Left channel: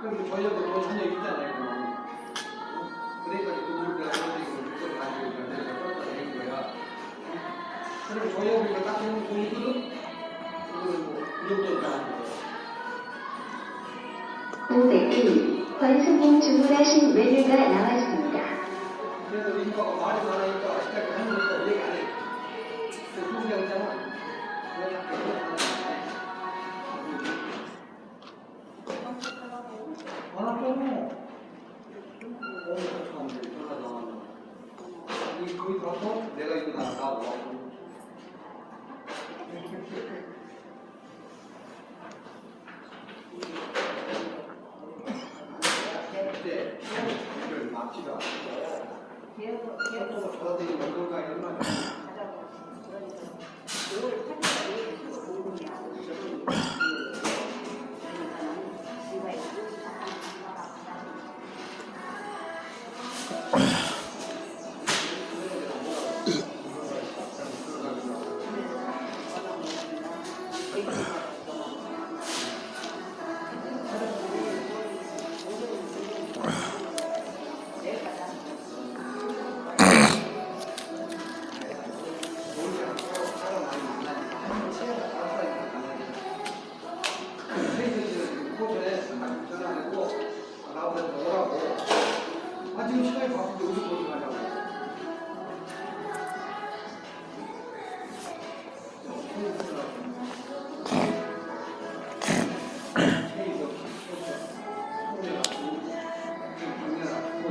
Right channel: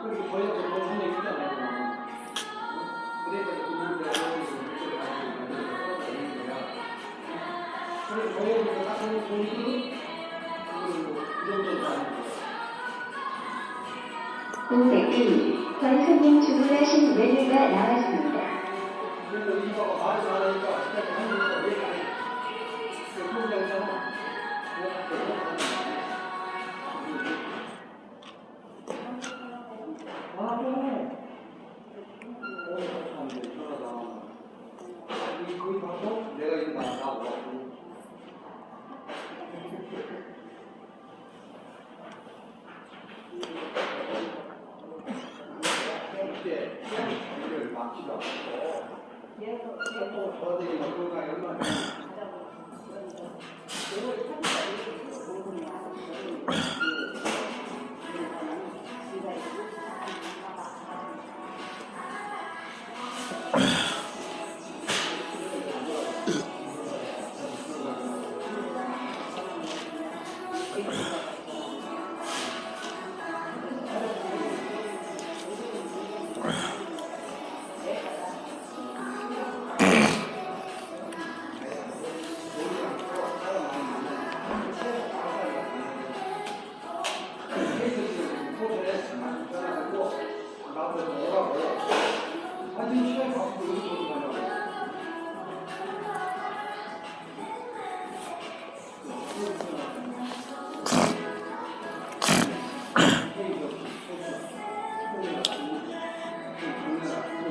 그럼 저희가 또 정신이 있잖아요. 그러니까 그래서 저희가 우리가 딱 보는 공들은 오백일 권선님 주문하신 메뉴가 나왔습니다. 그래서 의지가 말을 잘하니까 진짜 하는 거 왜 안 해? 거기 가서 내가 이거 나가고 이제 시험을 막지도 않고 저들이 그런가 이러면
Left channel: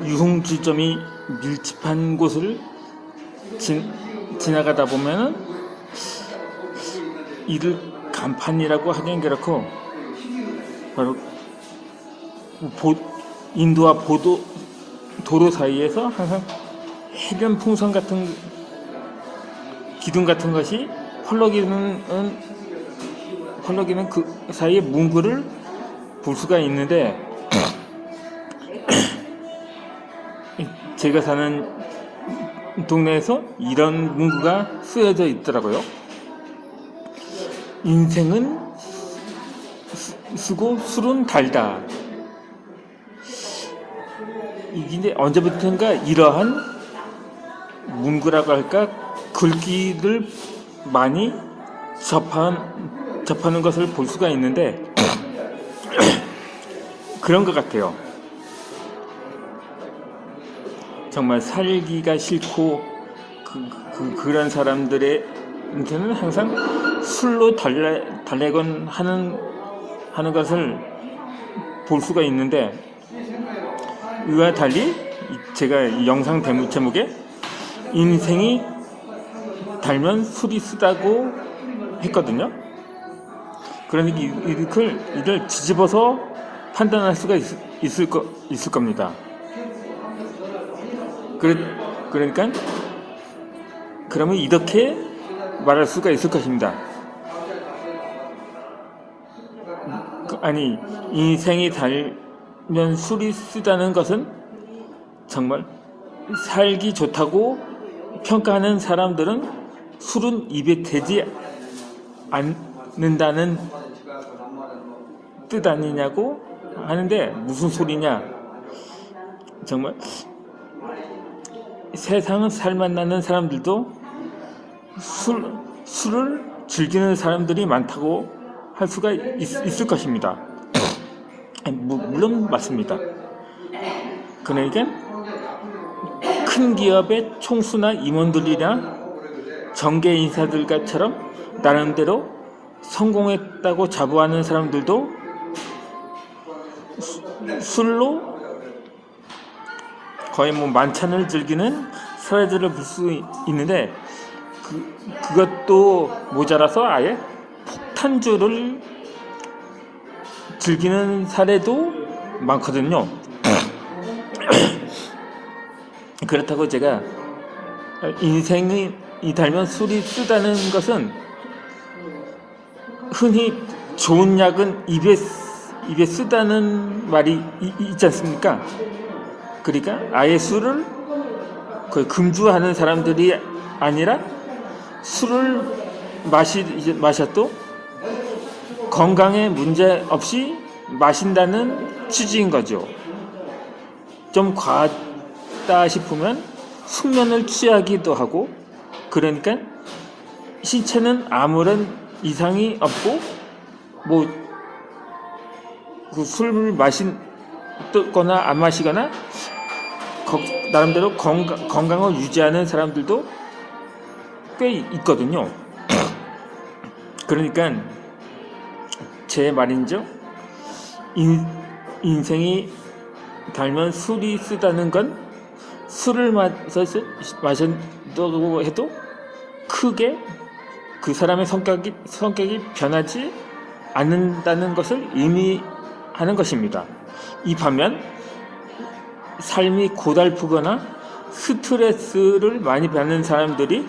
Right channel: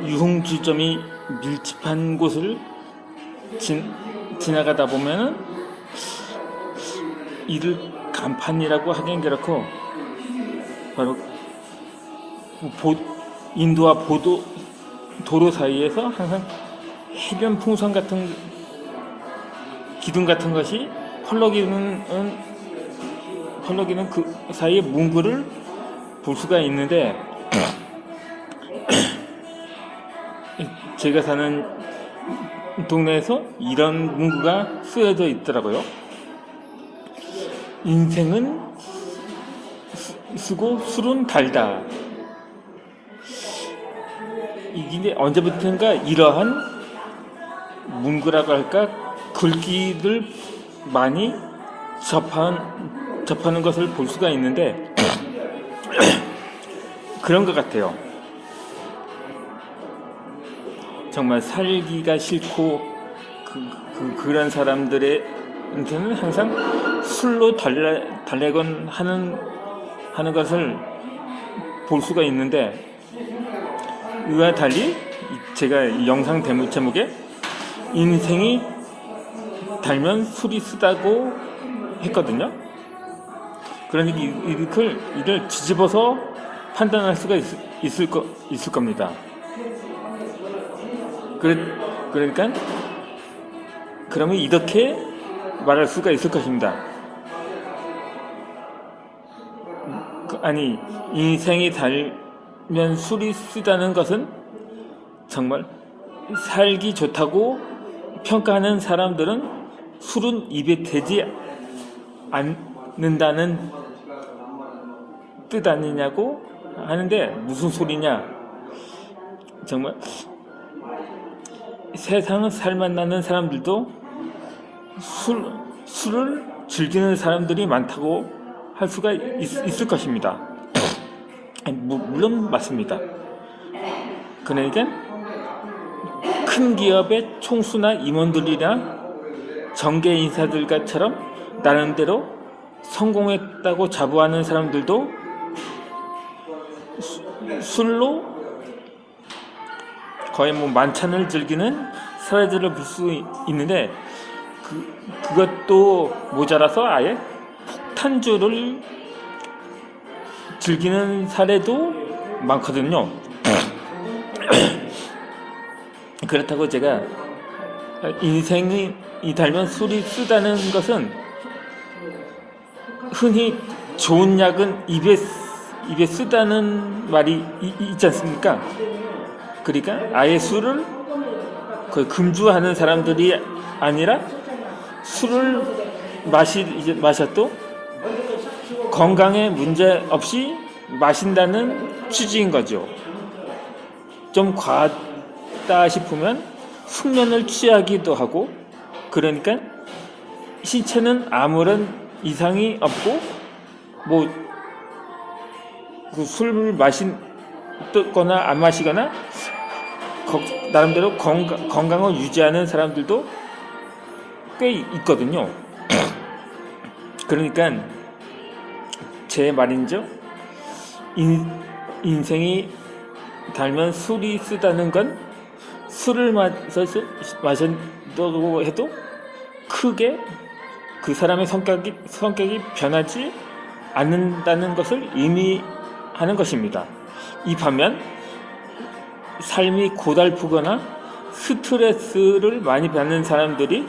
유흥주점이 밀집한 곳을 지나가다 보면은 이를 간판이라고 하긴 그렇고 바로 인도와 도로 사이에서 항상 해변 풍선 같은 기둥 같은 것이 펄럭이는 그 사이에 문구를 볼 수가 있는데 제가 사는 동네에서 이런 문구가 쓰여져 있더라고요. 인생은 쓰고 술은 달다. 이게 언제부턴가 이러한 문구라고 할까 글귀를 많이 접하는 것을 볼 수가 있는데 그런 것 같아요. 정말 살기가 싫고 그런 사람들한테는 항상 술로 달래곤 하는 것을 볼 수가 있는데 이와 달리 제가 이 영상 제목에 인생이 달면 술이 쓰다고 했거든요. 그러니까 이를 뒤집어서 판단할 수가 있을 겁니다. 그러니까 그러면 이렇게 말할 수가 있을 것입니다. 아니 인생이 달면 술이 쓰다는 것은 정말 살기 좋다고 평가하는 사람들은 술은 입에 대지 않는다는 뜻 아니냐고 하는데 무슨 소리냐. 정말 세상을 살만나는 사람들도 술을 즐기는 사람들이 많다고 할 수가 있을 것입니다. 물론 맞습니다. 그러니까 큰 기업의 총수나 임원들이나 정계 인사들처럼 나름대로 성공했다고 자부하는 사람들도 술로 거의 만찬을 즐기는 사례들을 볼 수 있는데 그것도 모자라서 아예 폭탄주를 즐기는 사례도 많거든요. 그렇다고 제가 인생이 달면 술이 쓰다는 것은 흔히 좋은 약은 입에 쓰다는 말이 있지 않습니까? 그러니까 아예 술을 금주하는 사람들이 아니라 술을 마셔도 건강에 문제 없이 마신다는 취지인 거죠. 좀 과하다 싶으면 숙면을 취하기도 하고, 그러니까 신체는 아무런 이상이 없고, 뭐 그 술을 마시거나 안 마시거나 나름대로 건강을 유지하는 사람들도 꽤 있거든요. 그러니까 제 말인죠. 인생이 달면 술이 쓰다는 건 술을 마신다고 해도 크게 그 사람의 성격이 변하지 않는다는 것을 의미하는 것입니다. 이 반면 삶이 고달프거나 스트레스를 많이 받는 사람들이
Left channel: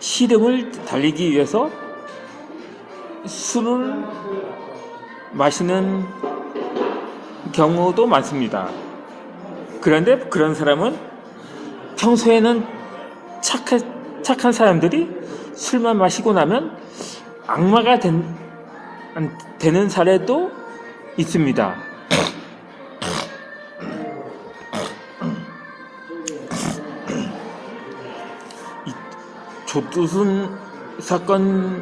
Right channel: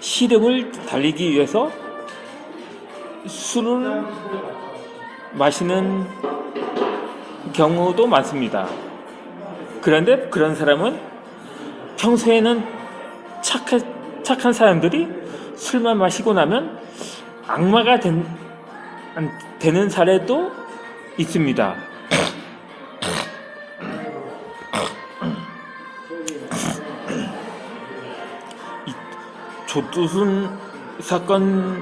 시름을 달리기 위해서 술을 마시는 경우도 많습니다. 그런데 그런 사람은 평소에는 착한 사람들이 술만 마시고 나면 악마가 되는 사례도 있습니다. 조두순 사건이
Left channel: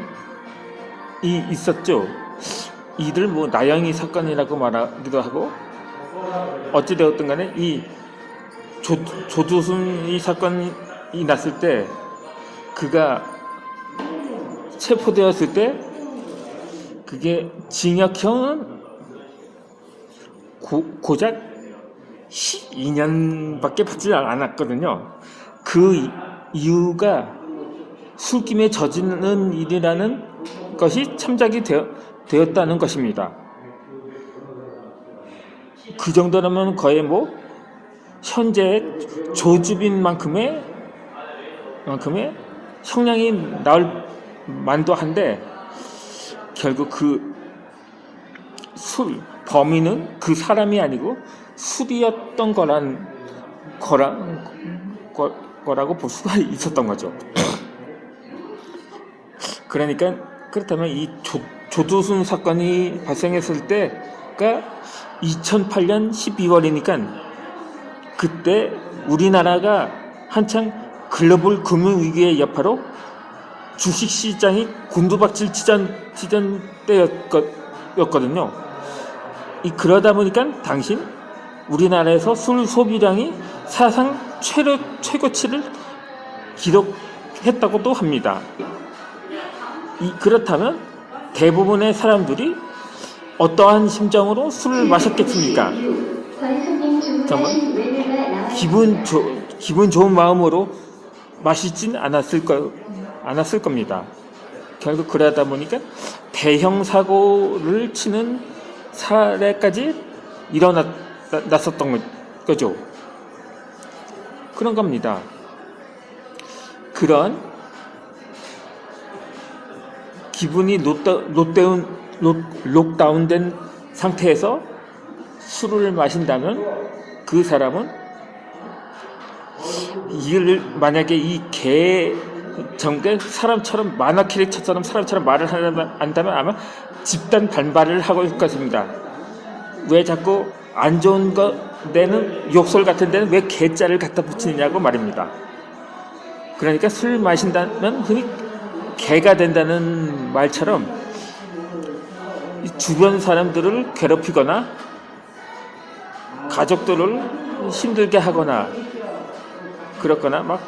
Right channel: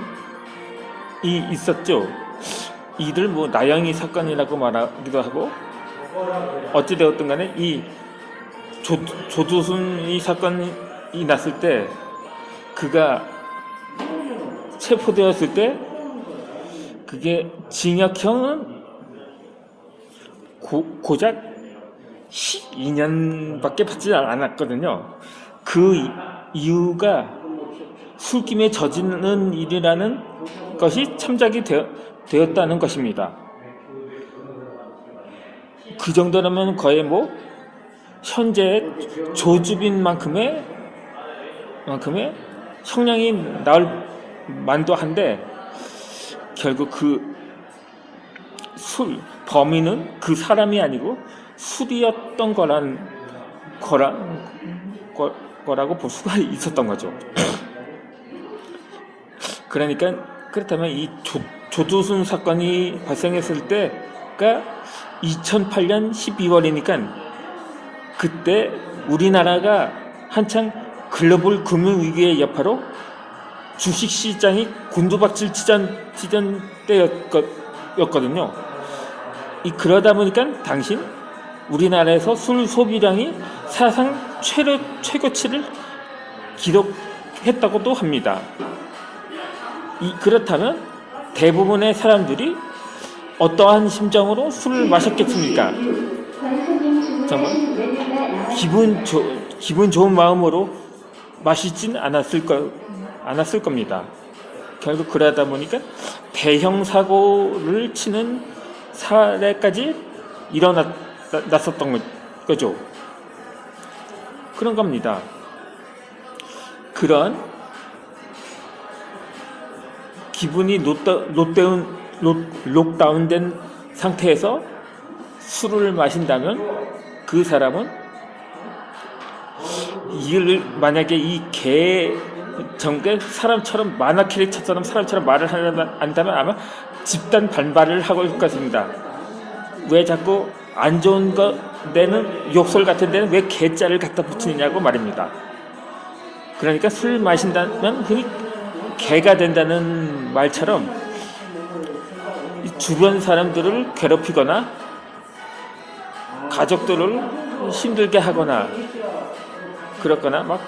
있었죠. 이들 뭐 나영이 사건이라고 말하기도 하고, 어찌되었든 간에 이 조두순 사건이 났을 때, 그가 체포되었을 때 그게 징역형은 고작 12년밖에 받지 않았거든요. 그 이유가 술김에 저지르는 일이라는 것이 참작이 되었다는 것입니다. 그 정도라면 거의 뭐 현재 조주빈만큼의 형량이 나올 만도 한데, 결국 그 범인은 그 사람이 아니고 술이었던 거라고 볼 수가 있었던 거죠. 그러니까 그렇다면 이 조두순 사건이 발생했을 때가 2008년 12월이니까 그때 우리나라가 한창 글로벌 금융위기의 여파로 주식시장이 곤두박질 치던 때였거든요. 그러다 보니까 당시 우리나라에서 술 소비량이 사상 최고치를 기록했다고도 합니다. 그렇다면 대부분의 사람들이 어떠한 심정으로 술을 마셨겠습니까? 정말 기분 좋은 마음으로 마시진 않았을 겁니다. 결국 그러다 보니까 대형 사고를 치는 사례까지 일어났었던 거죠. 그런 겁니다. 그런 기분이 록다운된 상태에서 술을 마신다면 그 사람은 만약에 이 정대 사람처럼 만화 캐릭터처럼 사람처럼 말을 한다면 아마 집단 반발을 하고 있을 것입니다. 왜 자꾸 안 좋은 데는 욕설 같은 데는 왜 개자를 갖다 붙이느냐고 말입니다. 그러니까 술 마신다면 흔히 개가 된다는 말처럼 주변 사람들을 괴롭히거나 가족들을 힘들게 하거나 그렇거나 막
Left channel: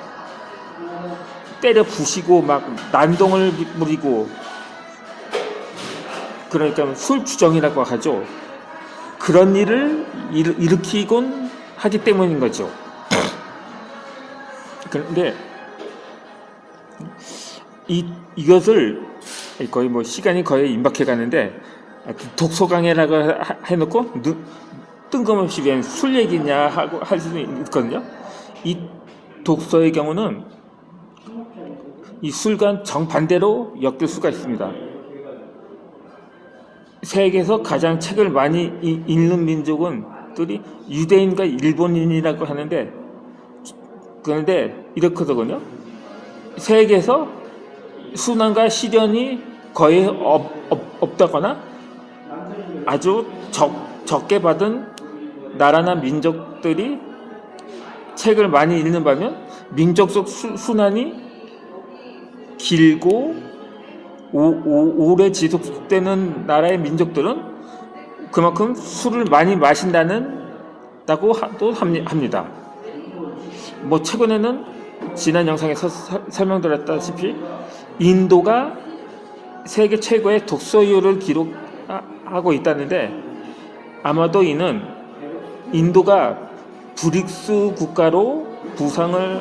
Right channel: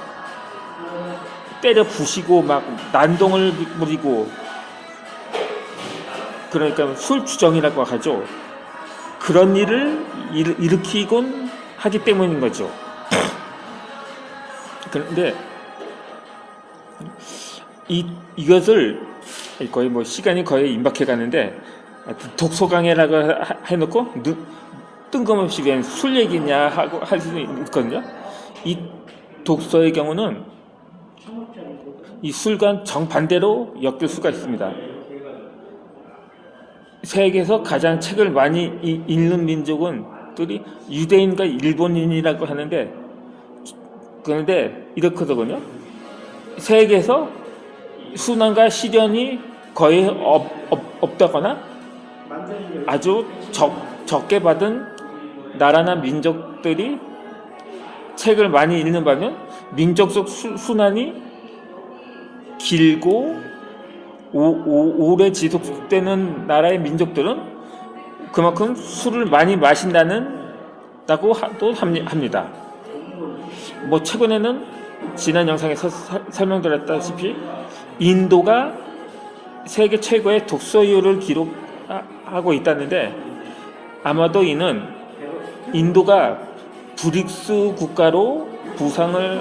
때려 부시고 막 난동을 부리고, 그러니까 술주정이라고 하죠. 그런 일을 일으키곤 하기 때문인 거죠. 그런데 이것을 거의 뭐 시간이 거의 임박해 가는데 독서 강의라고 해놓고 뜬금없이 그냥 술 얘기냐 하고 할 수도 있거든요. 이 독서의 경우는 이 술과 정반대로 엮일 수가 있습니다. 세계에서 가장 책을 많이 읽는 민족들이 유대인과 일본인이라고 하는데, 그런데 이렇거든요. 세계에서 순환과 시련이 거의 없다거나 아주 적게 받은 나라나 민족들이 책을 많이 읽는 반면 민족적 순환이 길고 오래 지속되는 나라의 민족들은 그만큼 술을 많이 마신다고 또 합니다. 뭐 최근에는 지난 영상에서 설명드렸다시피 인도가 세계 최고의 독서율을 기록하고 있다는데, 아마도 이는 인도가 브릭스 국가로 부상을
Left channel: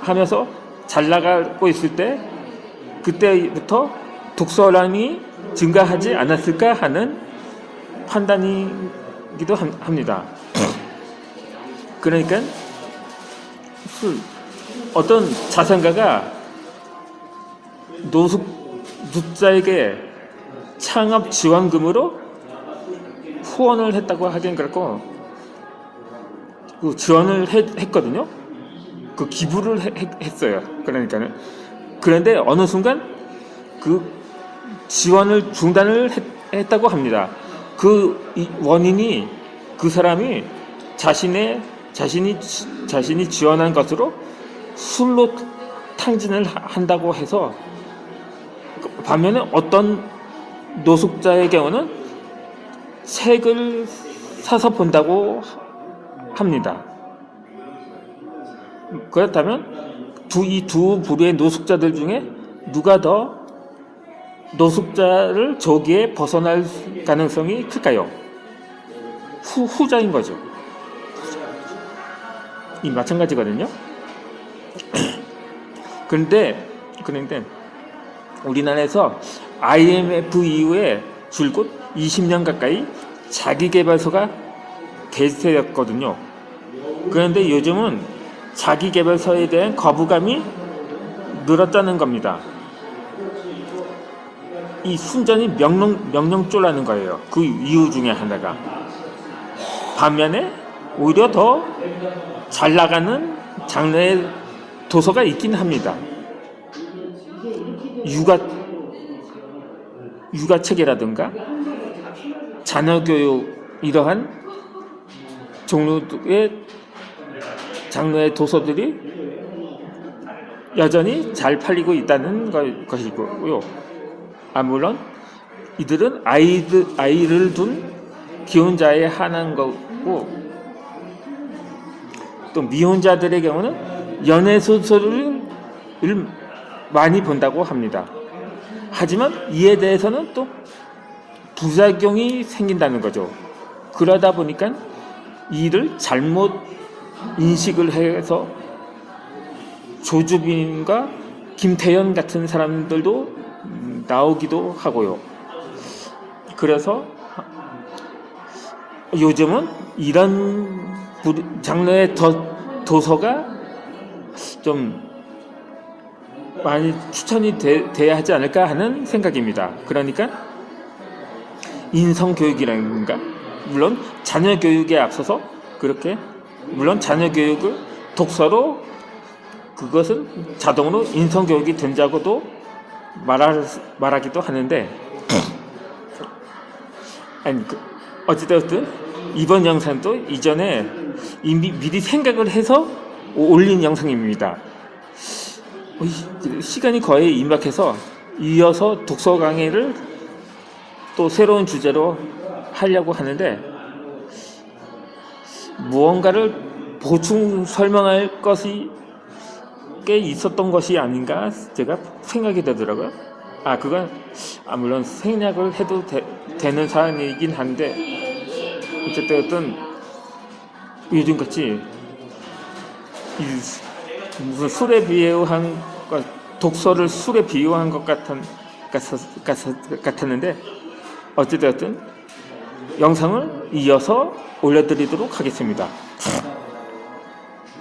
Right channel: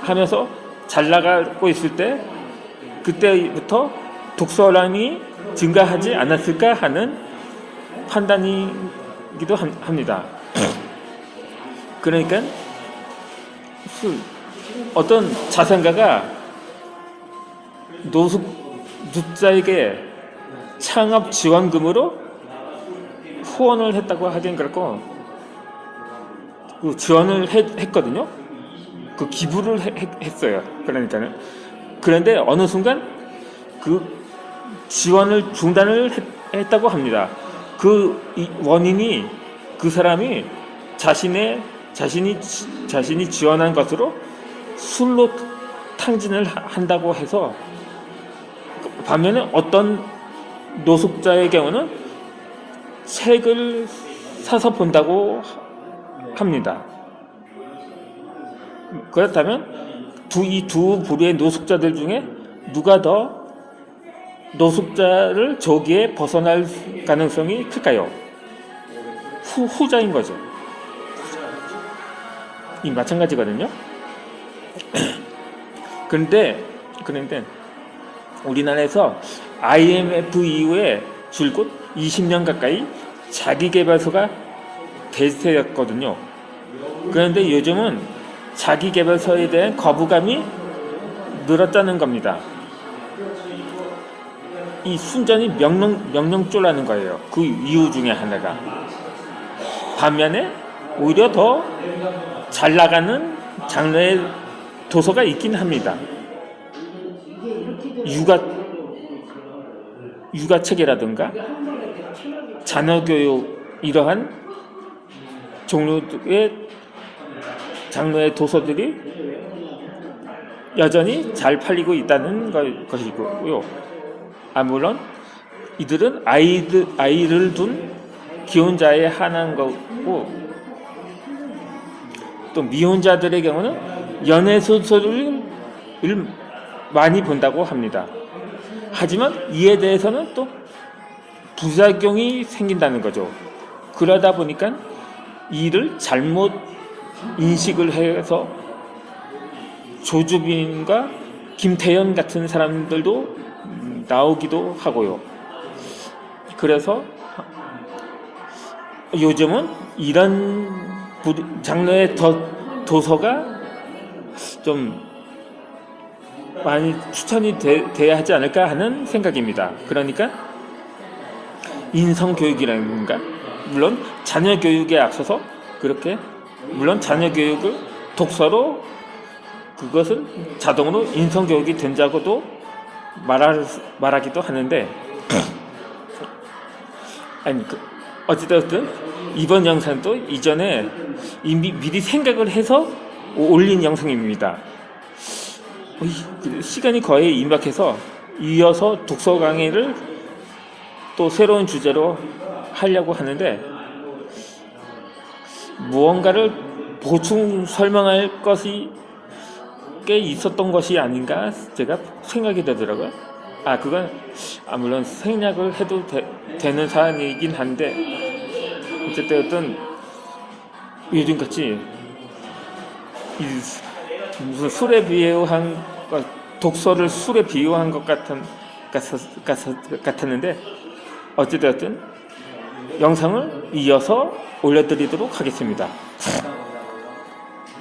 하면서 잘 나가고 있을 때 그때부터 독서량이 증가하지 않았을까 하는 판단이기도 합니다. 그러니까 어떤 자산가가 노숙자에게 창업 지원금으로 후원을 했다고 하긴 그렇고, 그 지원을 했거든요. 그 기부를 했어요. 그러니까는. 그런데 어느 순간 그 지원을 중단을 했다고 합니다. 그 원인이 그 사람이 자신이 지원한 것으로 술로 탕진을 한다고 해서, 반면에 어떤 노숙자의 경우는 책을 사서 본다고 합니다. 그렇다면 이 두 부류의 노숙자들 중에 누가 더 노숙자를 저기에 벗어날 가능성이 클까요? 후자인 거죠. 이 마찬가지거든요. 그런데 우리나라에서 IMF 이후에 줄곧 20년 가까이 자기계발서가 대세였거든요. 그런데 요즘은 자기계발서에 대한 거부감이 늘었다는 겁니다. 이 순전히 명령조라는 거예요. 그 이유 중에 하나가. 반면에 오히려 더 잘 나가는 장르의 도서가 있긴 합니다. 육아책이라든가 자녀교육, 이러한 종류의 장르의 도서들이 여전히 잘 팔리고 있다는 것이고요. 물론 이들은 아이를 둔 기혼자에 한한 거고, 또 미혼자들의 경우는 연애소설을 많이 본다고 합니다. 하지만 이에 대해서는 또 부작용이 생긴다는 거죠. 그러다 보니까 이를 잘못 인식을 해서 조주빈과 김태현 같은 사람들도 나오기도 하고요. 그래서 요즘은 이런 장르의 도서가 좀 많이 추천이 돼야 하지 않을까 하는 생각입니다. 그러니까 인성교육이라든가, 물론 자녀교육에 앞서서 그렇게, 물론 자녀교육을 독서로 그것은 자동으로 인성교육이 된다고도 말하기도 하는데, 어찌됐든 이번 영상도 이전에 이미 미리 생각을 해서 올린 영상입니다. 시간이 거의 임박해서 이어서 독서 강의를 또 새로운 주제로 하려고 하는데, 무언가를 보충 설명할 것이 꽤 있었던 것이 아닌가 제가 생각이 되더라고요. 그건 물론 생략을 해도 되는 사안이긴 한데, 어쨌든 요즘같이 무슨 술에 비유한 것, 독서를 술에 비유한 것 같았는데, 어쨌든 영상을 이어서 올려드리도록 하겠습니다.